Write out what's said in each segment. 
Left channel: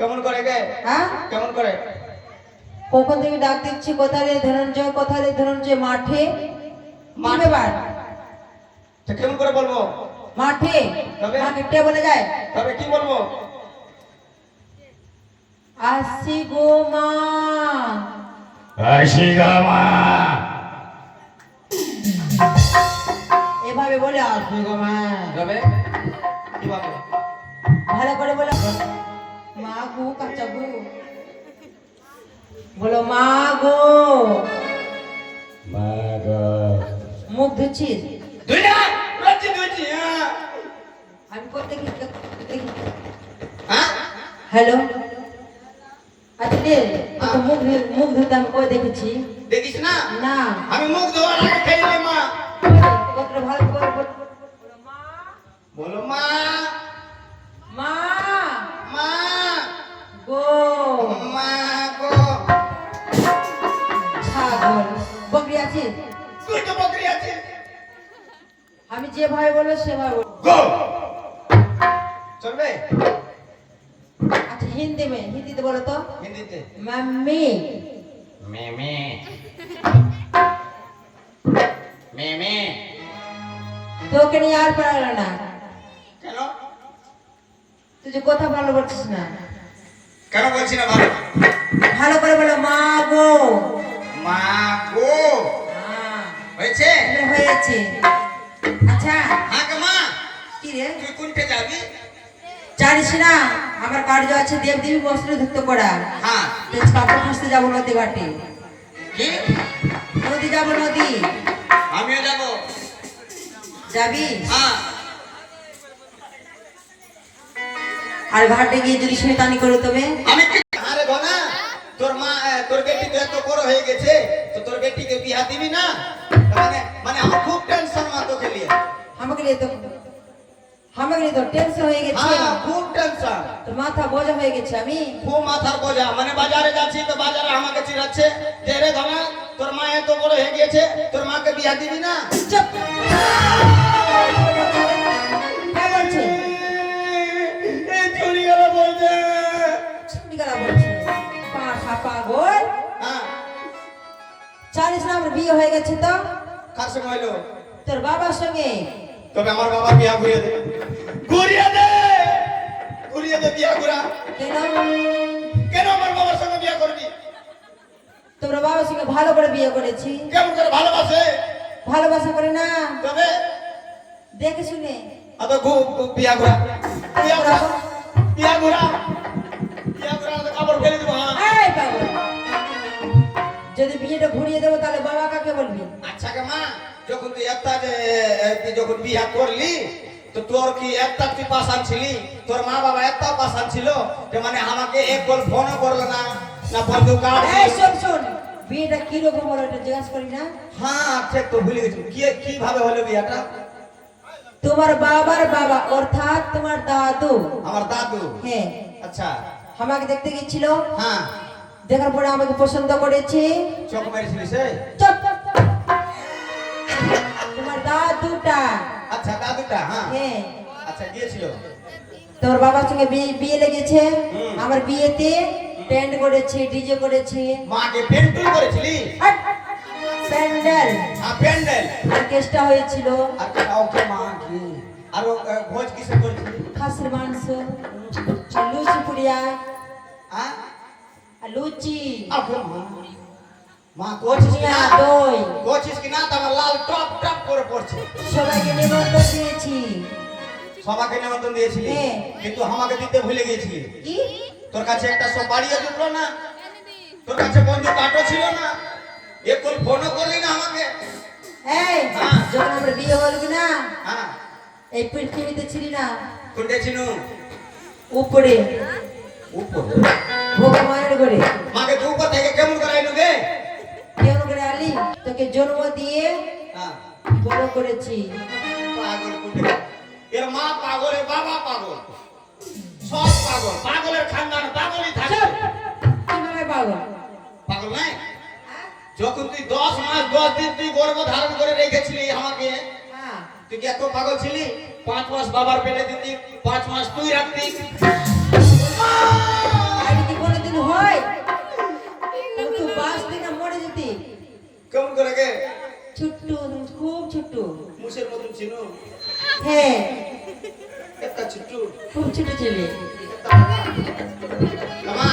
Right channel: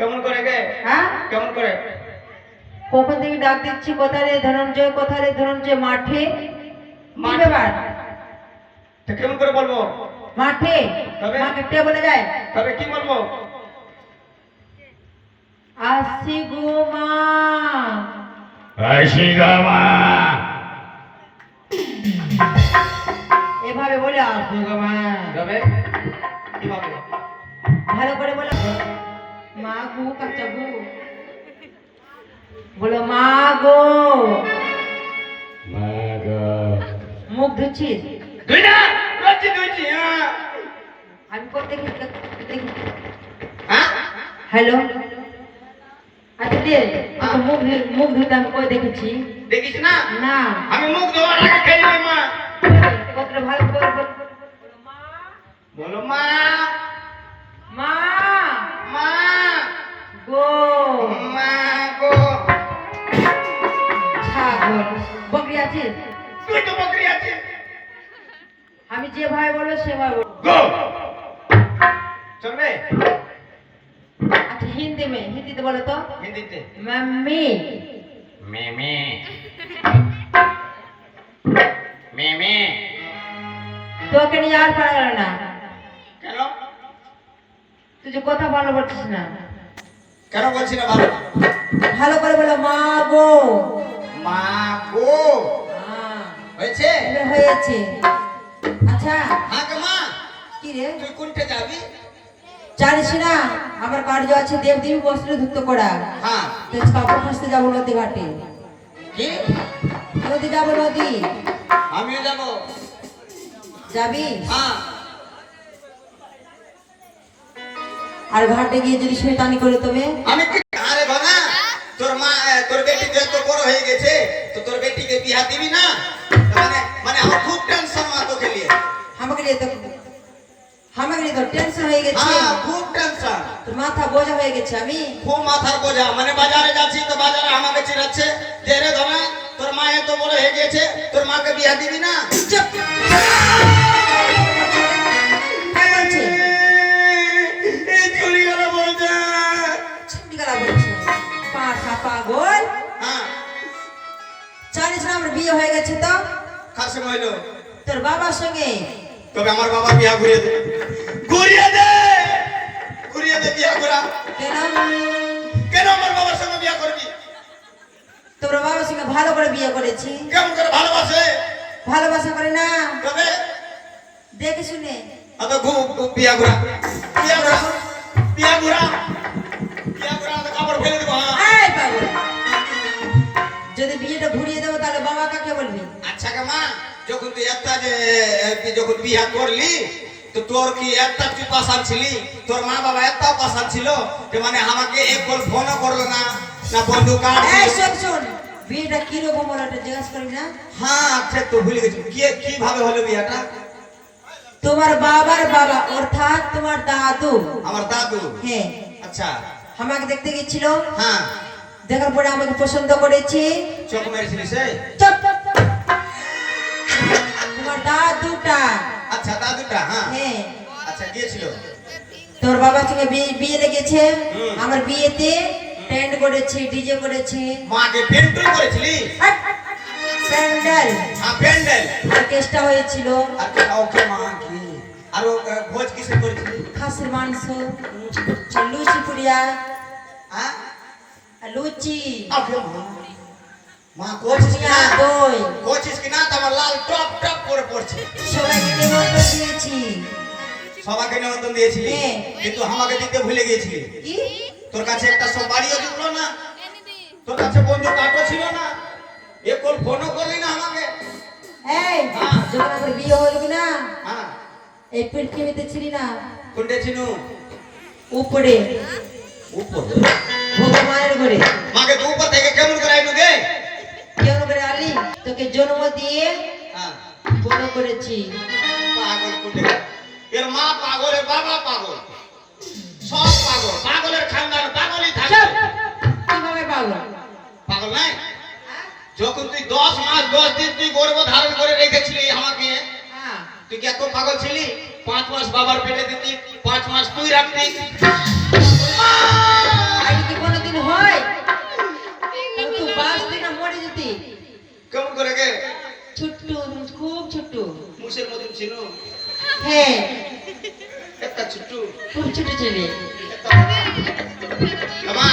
কেমন করে গে? হ্যাঁ কেমন করে? কখন থেকে ডাক দিচ্ছি, কোথায় রে ধনঞ্জয়, কোথায় রে ধনঞ্জয়? মাঠে। কি ব্যাপার? তো কেমন করে বলবো? মাঠে। তবে? মা কিপটে বলে যায়। তবে কি বলবো? আসি গো মা। আসি গো মা। এভাবে বলে আসি গো মা। তবে কিভাবে? ভালো করে বলো। মা গো, কাচ্চা গো। বলো মা গো। মা গো। মুখ ধুচ্ছিস? দুই না লজ্জি দুইছি। আমি করতে হ্যাঁ হ্যালো। আচ্ছা দে, মুখ ধুতে আমি কই দেখেছি? দেখিস না? না। আমি মুখ ধোয়ার আগে খেয়ে নে মা। কতটা ভালো করে বলো। মা বলো মা। মা মা গো। মা গো। ছাগল বকরি আছিস? তুই তো বকরি আছিস। আমি যেভাবে বলবো সেভাবে বলবো। গো চলবে? আচ্ছা হিন্দিতে বলো তো। হিন্দিতে মাম্মি। মেমে মেমে। তোকে নিয়ে আর পারল না। কেন? তুই যে কথা ভালো বলছিস না। কেন বলছি না ভালো? ভালো করে বলো মা গো। মা গো। হ্যাঁ, হয়েছে? এবার হয়েছে। আচ্ছা হ্যাঁ গো মা। কি রে তুই কোনটা যাবি? জানিস না আমার কার্য আছে দেবদেবী বস্ত্র ধুক্ত করা। হ্যাঁ। তেজ কাপড় খাসতে যাবো নদী ঘাটে। কি? নদী যাবো নদী। আমিও যাব। যাবি? হ্যাঁ। আর ঘাটে গিয়ে যদি শয়তানি করে তবে? আমি কি আরে ঘনা তোর মা তোর বেটি তো বড় হয়ে গেছে, তো তোর বেটিকে বিয়া দিবি না? মানে মানে আমার খুব টেনশন মা তোকে নিয়ে। আমাকে নিয়ে তো টেনশন হয়ে গেছে। হ্যাঁ খুব টেনশন। তোর মাথা বোঝা হয়ে গেছে। আমি খুব মাথার বোঝা। মানে বাজারে যাচ্ছি তো বাজারে আমাকে চিরাচ্ছে যে রে ঘনা তোর মা এত বড় হয়ে গেছে, তোর মাকে বিয়া দিবি না? চুপ। কে বলছে? এই চুরি গেল বলছে। ছুটি গলা বলছে। পাঠা পাগল। হ্যাঁ। জানিস না আমার বিয়ে হয়ে গেছে তো? কার সঙ্গে হইলো? তোর বাবার সঙ্গে। তবে আমার বাবা বিয়া ঘুরিয়ে দে। ঘুরিয়ে দে। ঘুরিয়ে দে বিয়া ঘুরা। কেন? কেন আমার বাবার সঙ্গে বিয়া করবি? তোর বাবার সঙ্গে ভালো করে বিয়ে করেছি। কেমন করে ভালোবাসে? ভালোবাসা করে না, তবে দেখে শুনে। অত বিয়া ঘুরা। বিয়া ঘুরা। বিয়া ঘুরা। বিয়া ঘুরা তো কাপড় ফেলে দেবো। হ্যাঁ। এই পাগল, যদি বিয়েটা ঘুরিয়ে দেবো তাহলে বাবা কাকে বলবি? আচ্ছা কে মা, যখন তুই একটা যে যখন বিয়া করলি তো তোর কি একটা তুই পাশান ছিলি? তোর মা বাবা একটা পাশান ছিল যে মানে আমাকে এক কল ফোনও করলো না, না বন্ধু কার্ড? এই শোন, বিয়েটা কি রকম হলো এটা জিজ্ঞাসা করি না? হ্যাঁ ঠিক তো ভুলে গেছি। কিভাবে হলো বিয়াটা? তোমার বাবার বাবা অর্থাৎ তোমার দাদু। আমার দাদু? হ্যাঁ। আচ্ছা। আমাকে দেখতে গেছিল। হ্যাঁ। দেখার পরে আমাকে পছন্দ করেছে। চোখ মেরেছিলি সে? চুপ। তোমার দাদুটা। আচ্ছা দাদুটা। হ্যাঁ। হ্যাঁ। আচ্ছা গিয়েছিল। তোর বাবার সঙ্গে বিয়ে লেগেছে। হুম। আমার বিয়েতে টেন্ট করেছে, ডিজে করেছে। মাকে পেন্টুল করেছিলি? প্যান্ডেল হ্যাঁ প্যান্ডেল। অর্কেস্ট্রা হয়েছিল। আর ওকে মা কি আর ভোজ কিসে করেছিলি? খাসির মাংস, লুচি পুরিয়া, হ্যাঁ লুচি, ওকে মা। মা কোচিস কি না? দই। কোচিস কি না? তোমার লাল টপ টপ করে পড়ছে। সবাইকে নিমন্ত্রণ দিয়েছি। সবাইকে নিমন্ত্রণ দিয়েছিলি, হ্যাঁ। কিন্তু আমাকে দিতে ভুলে গিয়েছিলি। কি? তোর কাছে একটা সুপারিও জুটলো না, তোর কাছে বন্ধু কার্ডও ছিল না, একল ফোনও করলি না আমাকে। এই হ্যাঁ। যখন আমার বিয়ে হলো না, হ্যাঁ এই পৃথিবীতে ছিলি না, কোনটা ছিনু? উপরে উপরে। ভগবানের ঘরে। মাকে তো উপর থেকে কেমন করে আইনু গে? কেমন করে আলি? তোকে জন্ম দিয়ে হ্যাঁ বড় করেছি। পাগল কোনটা? এর মা পাগল, এর বাবা পাগল, সব পাগল। পাগলের খানদান পাগলই থাকে। চুপ! কিভাবে পাগল? পাগল নাই? যখন তুই 10 মাস 10 দিন তুই গর্ভ ধারণ করে রেখেছিলি আমাকে, হ্যাঁ। তুই কি এত পাগল ছিলি? 5 মাস বাবার পেটে দিতি, 5 মাস তুই রাখতি। হয় তাহলে তুই বাঁচতি না মরে যেতি। কেমন করে গে ছোট্ট, খুব ছোট্ট। মুসের মতন ছিল হ্যাঁ, একটা ছোট্ট খুব ছোট ছেলে। মামা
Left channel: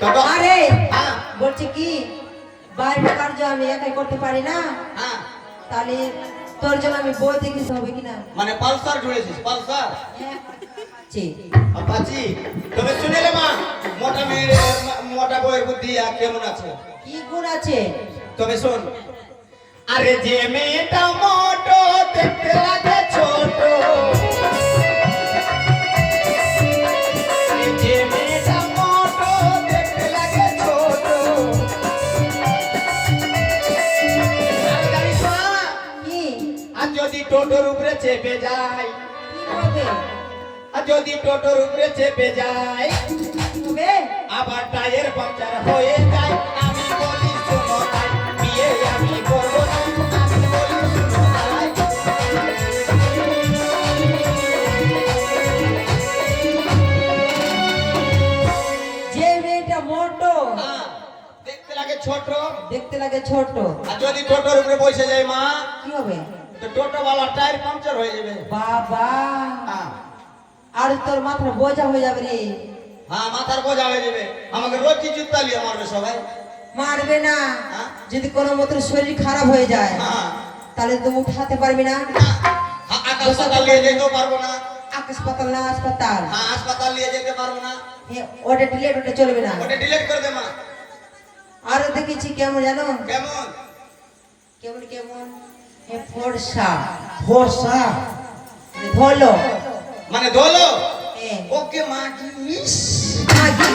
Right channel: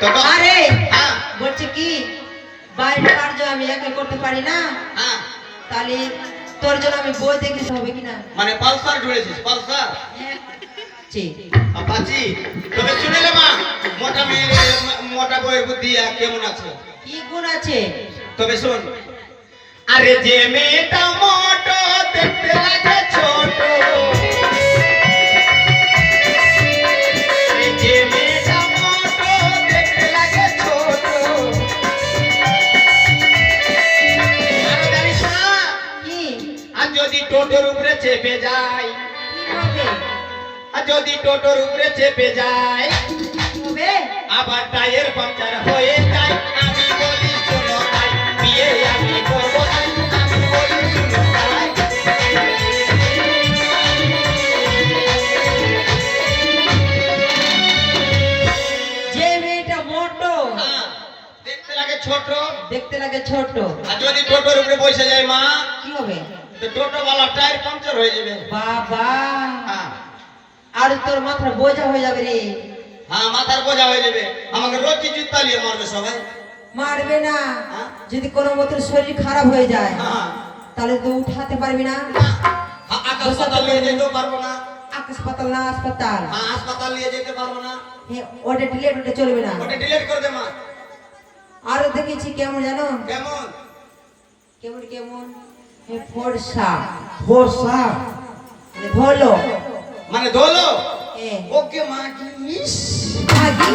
কাকা আরে হ্যাঁ বলছে কি বাড়ির কার্য আমি একাই করতে পারি না, হ্যাঁ তাহলে তোর জন্য আমি বই দেখিতে হবে কিনা। মানে পালসার জুড়েছিস পালসার হ্যাঁ, জি। আপাচি তবে শুনেলে মা মোটা মেয়ের মোটা বইয়ের বুদ্ধি কেমন আছে কি গুণ আছে? তবে শোন আরে যে মেয়েটা মোটো দেখতে লাগে ছোট আরে যে মেয়েটা মোটো দেখতে লাগে ছোট আরে জানিস না কি আর যদি টোটোর উপরে চেপে যায় কি হবে? আর যদি টোটোর উপরে চেপে যায় কি হবে? আবার টায়ার পাংচার হয়ে যায় আমি বলি শোনো ভাই বিয়ে আমি করবো না আমি বলি শোনো ভাই যে মেয়েটা মোটো হ্যাঁ, দেখতে লাগে ছোট দেখতে লাগে ছোট, আর যদি টোটোর উপরে বসে যায় মা কি হবে? তো টোটো वाला টায়ার পাংচার হয়ে যাবে বাবা, হ্যাঁ আর তোর মাথার বোঝা হয়ে যাবে রে। হ্যাঁ মাথার বোঝা হয়ে যাবে আমাকে রোজ জুতা নিয়ে মারবে সবাই মারবে না, হ্যাঁ? যদি কোনো মতো শরীর খারাপ হয়ে যায় হ্যাঁ তাহলে তো উঠাতে পারবি না। হাসপাতাল নিয়ে যেতেও পারবো না হাসপাতাল না হাসপাতাল, হ্যাঁ হাসপাতাল নিয়ে যেতে পারবো না ওটা ডিলেট, ওটা চলবে না। ওটা ডিলিট করে দে মা আরো দেখেছি কেমন জানো, কেমন কেমন কেমন ফর্সা ফর্সা ধলো, মানে দোলো হ্যাঁ, ওকে মা কি ইস মাগি,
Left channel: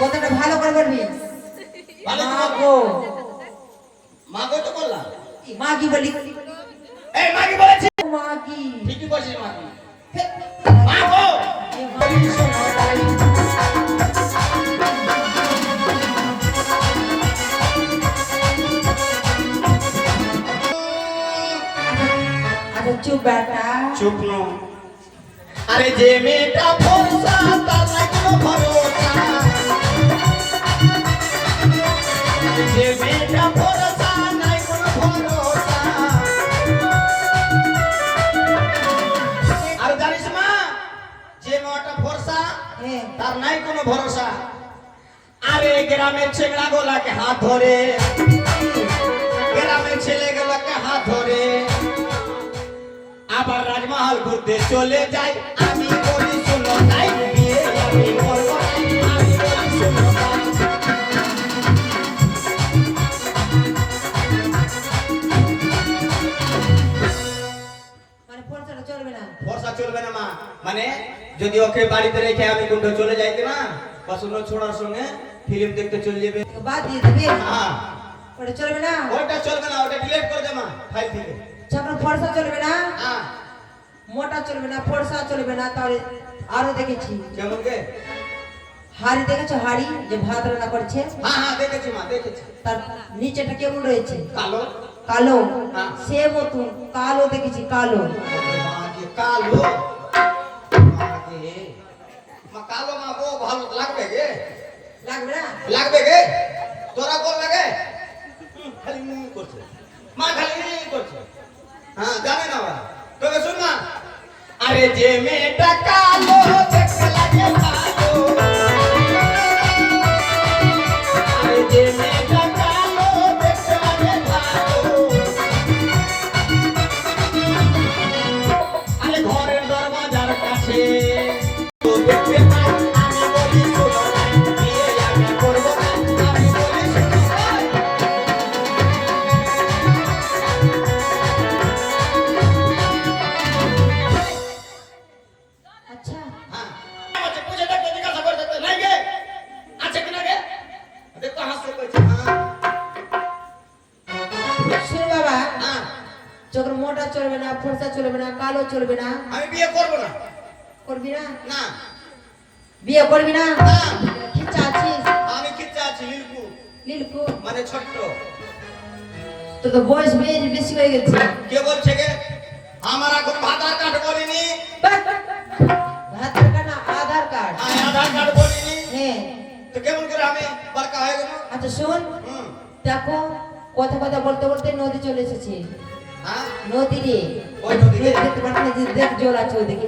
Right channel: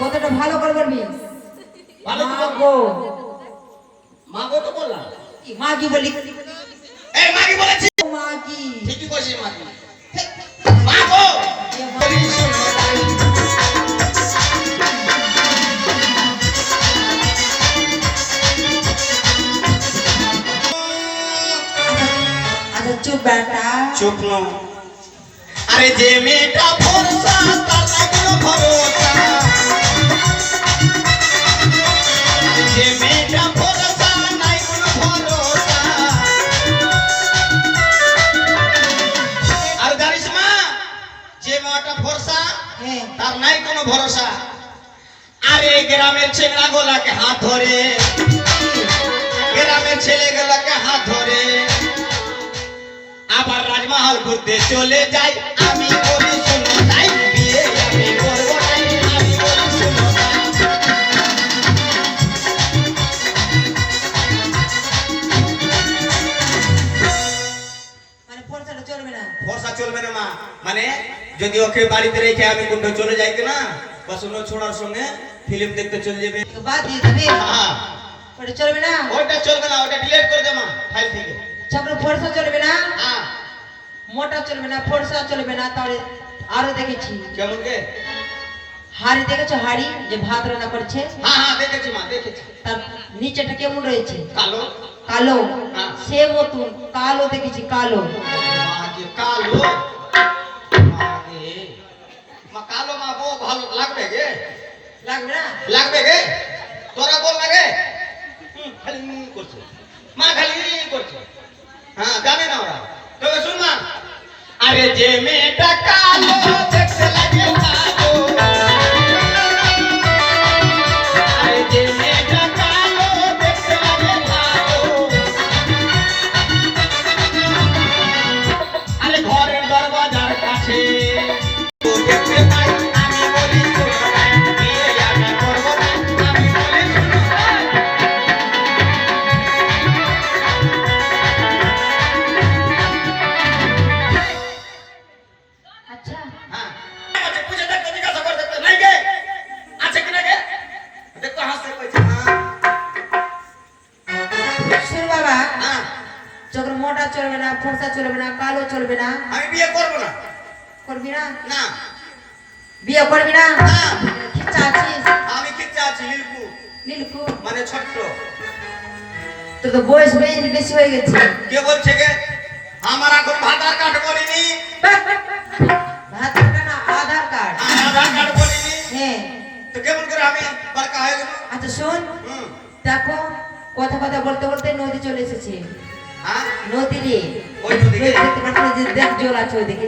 কতটা ভালো করে বলবি। ভালো তো বল। মাগো, মাগো তো বললাম কি মাগি বলি, এই মাগি বলেছি মাগি, ঠিকই বলছিস মাগি মাগো আচ্ছা চুপ বেটা, চুপ নো আরে যে মেয়েটা ভরসা তার নাই কোনো ভরসা যে মেয়েটা ভরসা নাই কোনো ভরসা আর জানিস মা যে মেয়েটা ভরসা হ্যাঁ, তার নাই কোনো ভরসা আরে গ্রামের ছেলেরা গোলাকে হাত ধরে গ্রামের ছেলেগুলাকে হাত ধরে আবার রাজমহল ঘুরতে চলে যাই আমি বলি শোনো তাই বিয়ে আমি করবো নাই আমি বলি শোনো তাই মানে ফর্সাটা চলবে না। ভরসা চলবে না মা মানে যদি ওকে বাড়িতে রেখে আমি কোনটা চলে যাই কিনা পছন্দ ছোড়ার সঙ্গে ফিল্ম দেখতে চলে যাবে তো বাদ দিয়ে দিবি, হ্যাঁ ওটা চলবে না। ওইটা চলবে না ওটা ডিলিট করে দে মা ফাইল থেকে তারপরে ফর্সা চলবে না, হ্যাঁ মোটা চলবে না, ফর্সা চলবে না। তাহলে আরো দেখেছি কেমন কে হাড়ি, দেখেছো হাড়ি যে ভাত রান্না করছে, হ্যাঁ হ্যাঁ দেখেছি মা দেখেছি তার নিচেটা কেমন রয়েছে? কালো কালো, হ্যাঁ। সে মতন কালো দেখেছি, কালো। মাকে কালো মাকে মা কালো মা বউ ভালো লাগবে গে লাগবে না? লাগবে গে তোরা বল লাগে খালি করছে মা খালি করছে হ্যাঁ জানে না ওরা তোকে শুন মা আরে যে মেয়েটা কালো দেখতে লাগে ভালো আরে যে মেয়েটা কালো দেখতে লাগে ভালো আরে ঘরের দরজার কাছে তো দেখতে পাই আমি বলি শোনো নাই বিয়ে আমি করবো না আমি বলি শোনো নাই আচ্ছা, হ্যাঁ আচ্ছা পুজো দেখতে জিজ্ঞাসা করে দেখতে নাই গে আছে কিনা গে দেখো হাসতে কইছে শোন বাবা, হ্যাঁ যখন মোটা চলবে না, ফর্সা চলবে না, কালো চলবে না, আমি বিয়ে করব না করবি না? না বিয়ে করবি না? না খিচ্চা আছিস? আমি কিচ্ছা আছি লিলকু লিলকু, মানে ছোট্ট তোর তো বয়স বেশি হয়ে গেছে। কে বলছে গে আমার এখন আধার কার্ড বলিনি ভাত কাটা না, আধার কার্ড। আধার কার্ড বলিনি হ্যাঁ, তো কে কথা বলতে বলতে নদী চলে এসেছে। হ্যাঁ নদী রে, ওই নদীকে? দেখতে পাচ্ছ না যে দেখ জল আছে ওইদিকে।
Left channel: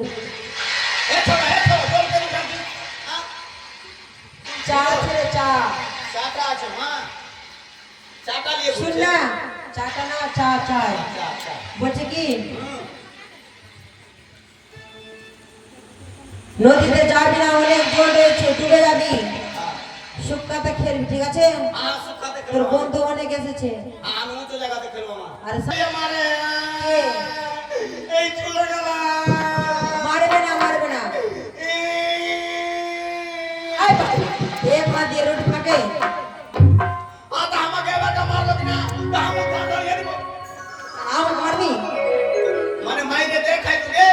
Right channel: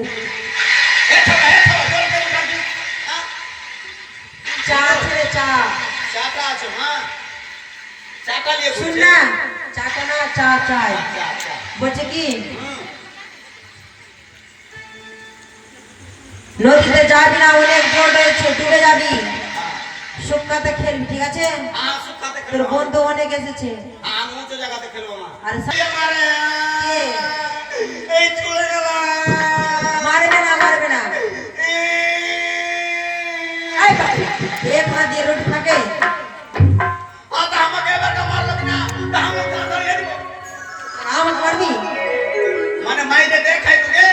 জল কেন ডাকিস? হ্যাঁ? চা ছেড়ে চা। চাটা আছে মা, চাটা নিয়ে শুন ঘুরছে। না, চাটা না চা চাই। আচ্ছা আচ্ছা বলছে কি হুম। নদীতে যাবি না, অনেক জল রয়েছে, ডুবে যাবি। শুকাতে খেলবি, ঠিক আছে? শুকাতে তোর খেলবো। বন্ধু অনেক এসেছে। আমি উঁচু জায়গাতে খেলবো না। আরে এই আমারে, এই চলে গেলাম। মারবে না, মারবে না। এই ভাই, এক হাত দিয়ে রুটি থাকে। আচ্ছা, আমাকে এবার মারলো কিনা? তা আমাকে ধরিয়ে দিব। আমাকে মারবি? মানে মাইরে দেখাই তোকে।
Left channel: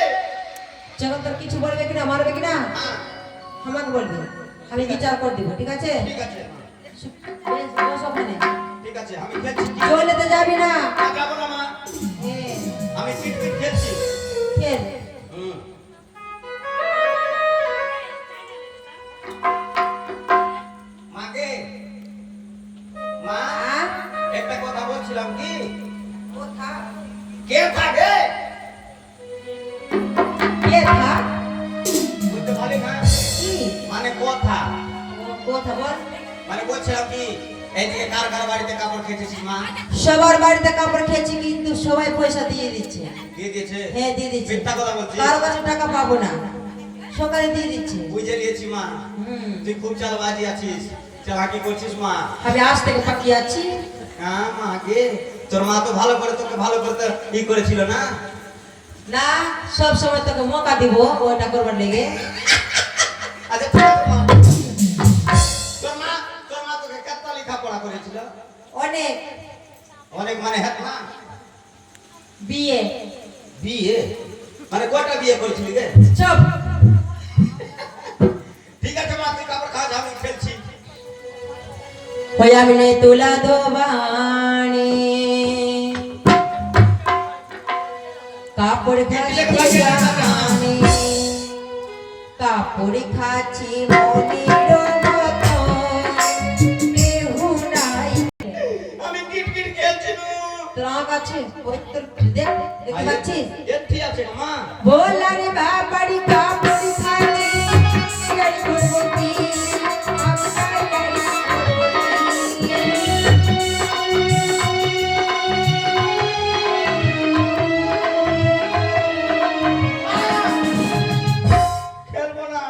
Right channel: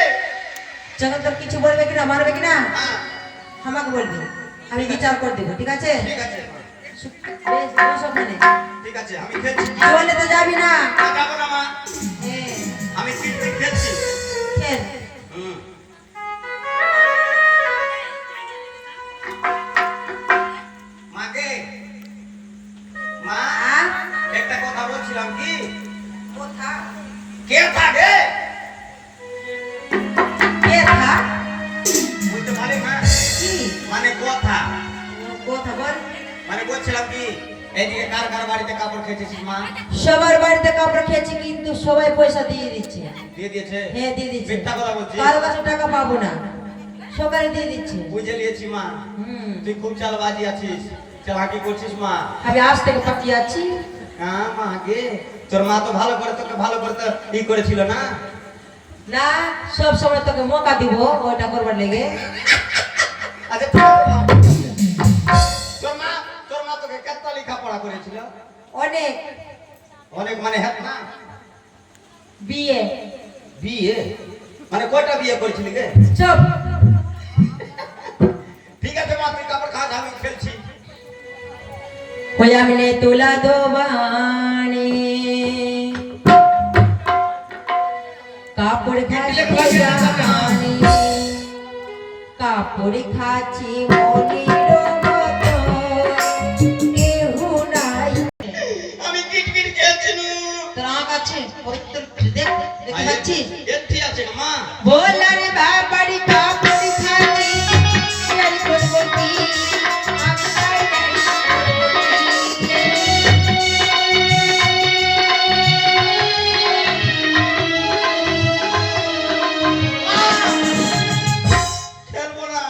যখন তোর কিছু বলবে কিনা, মারবে কিনা, হ্যাঁ, আমাকে বলবি, আমি বিচার করে দিব, ঠিক আছে? ঠিক আছে বেশ, বস ওখানে। ঠিক আছে, আমি খেলছি। জলেতে যাবি না। যাবো না মা, হ্যাঁ, আমি ক্রিকেট খেলছি। খেল। হুম। মাকে, মা, আ? একটা কথা বলছিলাম কি? কোথা? কে থাকে? কে থা? বুঝতে পারলি মা? কি? মানে কথা, কোথা বল? মানে বলছিলাম কি, এদিকে কার কার বাড়িতে কাপড় খেয়েছিস মা? সবার বাড়িতে কাপড় খেয়েছি, কিন্তু সবাই পয়সা দিয়ে দিচ্ছে। দিয়ে দিয়েছে? হ্যাঁ, দিয়ে দিচ্ছে। মিথ্যা কথা বলছিস? কারো কাছে টাকা পাবো না, সকালে দিয়ে দিচ্ছে। বুঝে নিয়েছি মা, হুম, তুই খুব চালবাজি আছিস, চালাকি করছিস মা। আমি আজ থেকে তাকিয়ে আছি। হ্যাঁ মা, গে তোর মা তো ভালো করে তোকে ভালো করে তো ই করেছিল না? না, সব সময় তোকে মৌকা দিব ওটা করবার লেগে। আচ্ছা ঠিক আছে মা। তোর মা তোকে কত লেখাপড়া করেছিল? অনেক। অনেক মানে হ্যাঁ মা? বিয়ে। বিয়ে মানে কয়টা বিয়ে করেছিলি রে? চুপ। ঠিক আছে মা, তুই কাপড় খা, আমি খেলছি। ওই আমি নে তুলা দোবানি কাপড় খাচ্ছি জানি, কাপড় খাচ্ছি মনির মতো, কেহু নাই। আমি কিটকিট খেলছি নু। তোর আঁক আছে, ওই তোর দেখ, দেখতে পাচ্ছিস? এtti আছে না মা? बोला रे बाबड़ी कापड़ खाती यारी कोसबती आकाई यारी খেলবো না।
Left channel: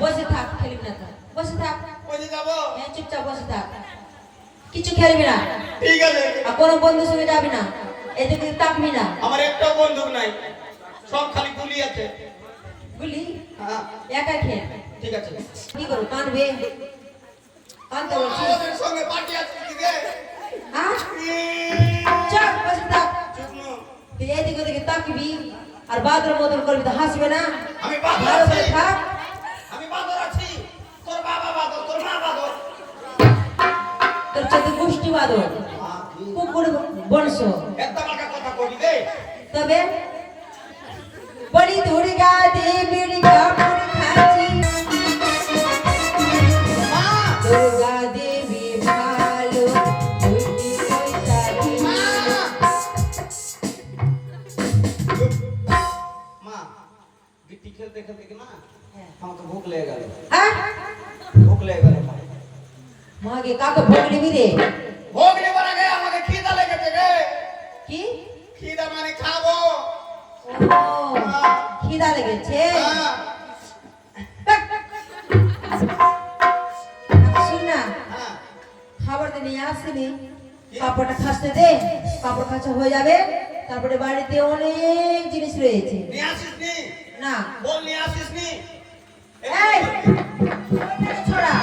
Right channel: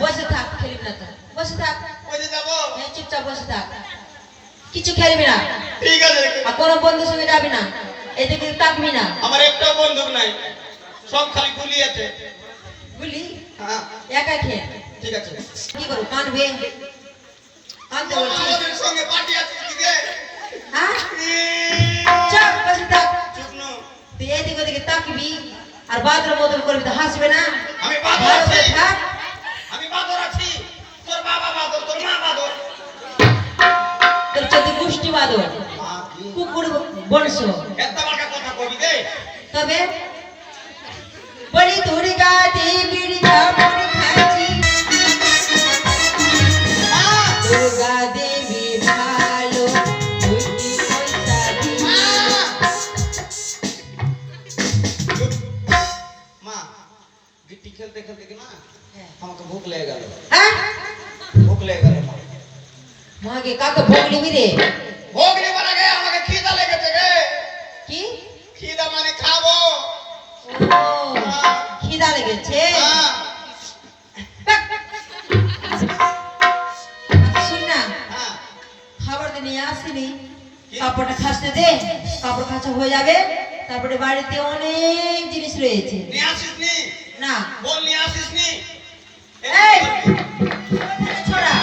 বসে থাক, খেলবি না তো, বসে থাক। ওই যে যাবো। হ্যাঁ, চুপচাপ বসে থাক, কিছু খেলবি না, ঠিক আছে। আর কোনো বন্ধুর সঙ্গে যাবি না, এদিকে তাকবি না। আমার একটাও বন্দুক নাই, সব খালি গুলি আছে। বুঝলি, হ্যাঁ একা খেল। ঠিক আছে। কি করবো, কানবে? কানতে বলছি, আমাদের সঙ্গে পার্টি আছে কি রে? হ্যাঁ? চুপ, বসে থাক। চুপ নু। তুই এদিকে ওদিকে তাকবি আর বাদর বদল করবি তো হাসবে না। আমি বাদর ভালো আছি, করে থাক। আমি বাদর আছি। তোর বাবা বাদর, তোর মা বাদর। তোর চোদ্দ গোষ্ঠী বাদর, কুকুর বংশ। এত টাকা কথা কবি দে। তবে বলি দুর্গা দেবীর কাপড় খাচ্ছি, মা, দুর্গা দেবী ভালো দুটি পয়সা দিই। মা, গিট্টি খেলতে খেলতে কি মা হ্যাঁ। আমাকে ভুক লেগে গেল। হ্যাঁ? ভুক লেগে গেল মা। মাকে কাকে ভোগ নিবি রে? ভোগ নেবার আগে আমাকে খিদা লেগেছে রে। কি? খিদা মানে খাবো। ও, খিদা লেগেছে। হ্যাঁ, শুন না, হ্যাঁ। খাবার তো নিয়ে আসিনি, কাপড়টা খাসতে দে, কাপড় খাঁচা হয়ে যাবে, তারপরে বাড়িতে অনেক জিনিস রয়েছে। নিয়ে আসিস নি? না, বল নিয়ে আসিস নি? এই ছোড়া,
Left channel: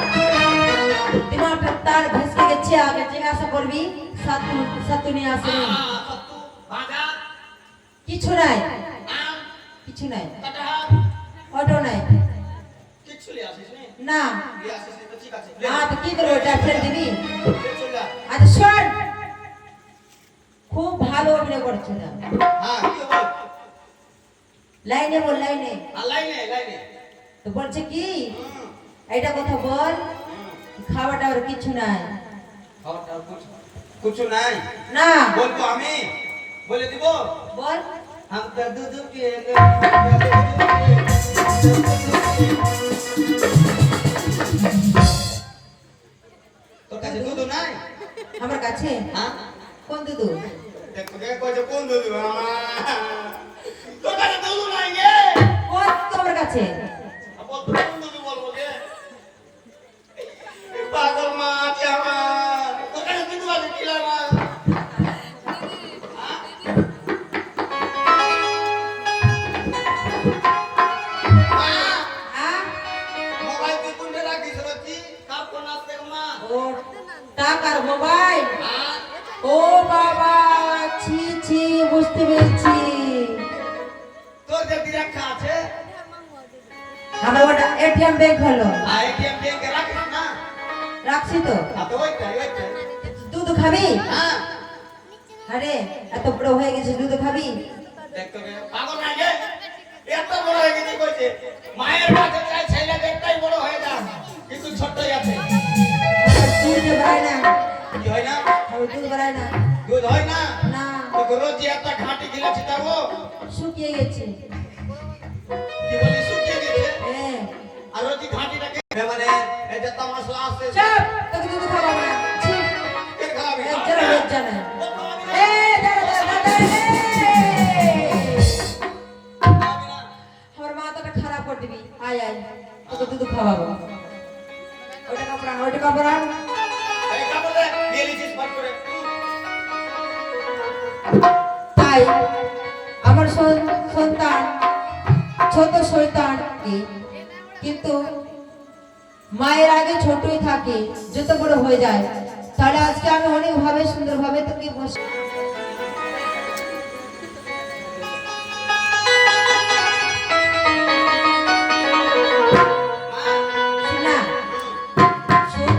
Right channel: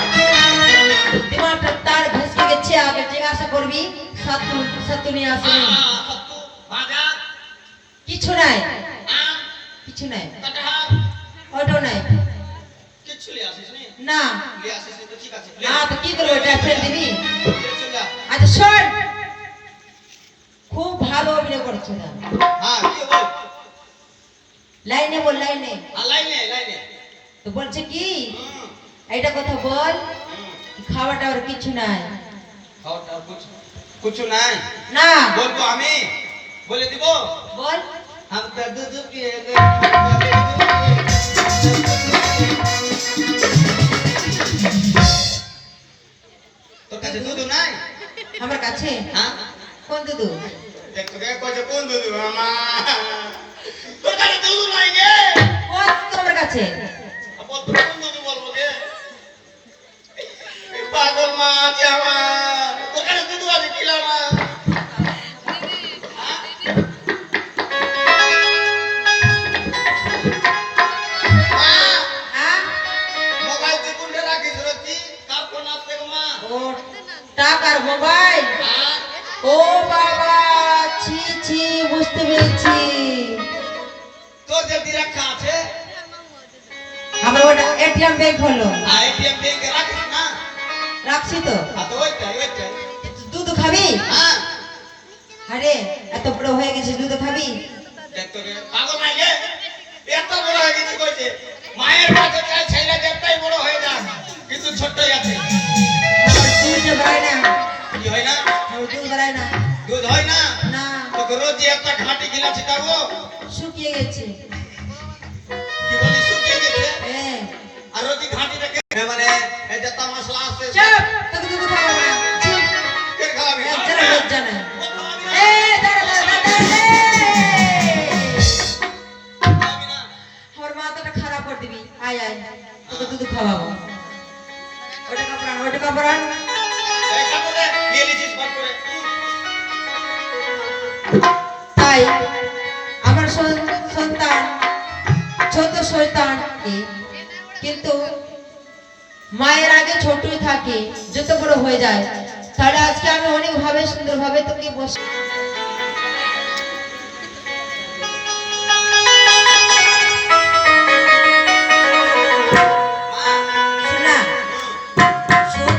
দিমাগটা তার ভেসকে গেছে, আগে জিজ্ঞাসা করবি সাতু সাতু নিয়ে আসিনি। সত্তু, ভাজা, কিছু নাই, আম, কিছু নাই, কাঁঠাল, ওটাও নাই। কিচ্ছু নিয়ে আসিস নি? না, নিয়ে আসিস নি তো ঠিক আছে। তো কি করবো, এটা ফেলে দিবি? চল যা। আচ্ছা শোন, খুব ভালো অভিনয় করছো না, হ্যাঁ, কি বল? লাইনে বল, লাইনে। আর লাইনে, লাইনে। তো বলছে কি, হুম, এইটা কথা বল, হুম। খাওয়া টাওয়ার কিছু নাই। খাওয়া টাওয়া বুঝ। কিছু নাই না বলবো আমি বলে দিব বল हम तो दूध पिए तो কাছে দুধ নাই আমার কাছে হ্যাঁ কোন দুধু দেখ তো কইছে কোন দুধ মামা তোর কাছে দুধ নাই গে কোন তোমার কাছে আপন তো কোন দুধ বলবো গে পাগল মা জামা তোর কাছে দুধ আছে কিলা না হ্যাঁ মোবাইল তুই কোনটা রাখিস রতি কার কোন আসতে মা ও টাকার মোবাইল হ্যাঁ ও বাবা ছি ছি বুঝতে পেরেছি তোর যদি রাখা আছে আমার ওটা এটিএম ব্যাংক হলো আর এটিএম ব্যাংকে রাখিস না রাখছি তো আর তো ওইটাই দুধ খাবি হ্যাঁ আরে এত বড় হয়ে গেছে দুধ খাবি দেখ তো রে পাগল নাই গে এত বড় হয়ে গেছে কইছে মায়ের কাছে চাই ছেলে যেটাই বড় হয়ে যায় কিন্তু ছোটই আছে আমার দুধ বাড়ায় না কি হয় না আমার দুধ বাড়ায় না দুধ হয় না না তো রোজ একটা ঘাটি গিলা ছিটাবো শুকিয়ে গেছে কি বলি শুকিয়ে গেছে হ্যাঁ আর রোজ ঘাটিটাকে মানে এই যে মশলা আছে চুপ তোকে দুধ খাবো না ছি কে খাওয়াবে জরা লজ্জা নাই এ দাঁড়া দাঁড়া দাঁড়া খাওয়াবি না আমার মাথাটা খারাপ করে দিবি আয় আয় তোকে দুধ খাওয়াবো ওটা কাপড় এই কাপড়ে নিয়ে লিছিস ভাগ করে তাই আমার সন্তান ছোট সন্তান কিন্তু মায়ের আগে ছোটই থাকে যত বড় হয়ে যায় তাহলে আজকে আমি অনেক ভাবে সুন্দর ভাবে তোকে বসে শোনা শোন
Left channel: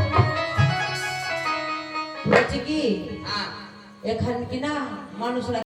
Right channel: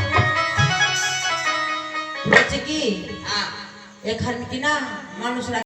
বলছে কি হ্যাঁ এখানে কি না মানুষরা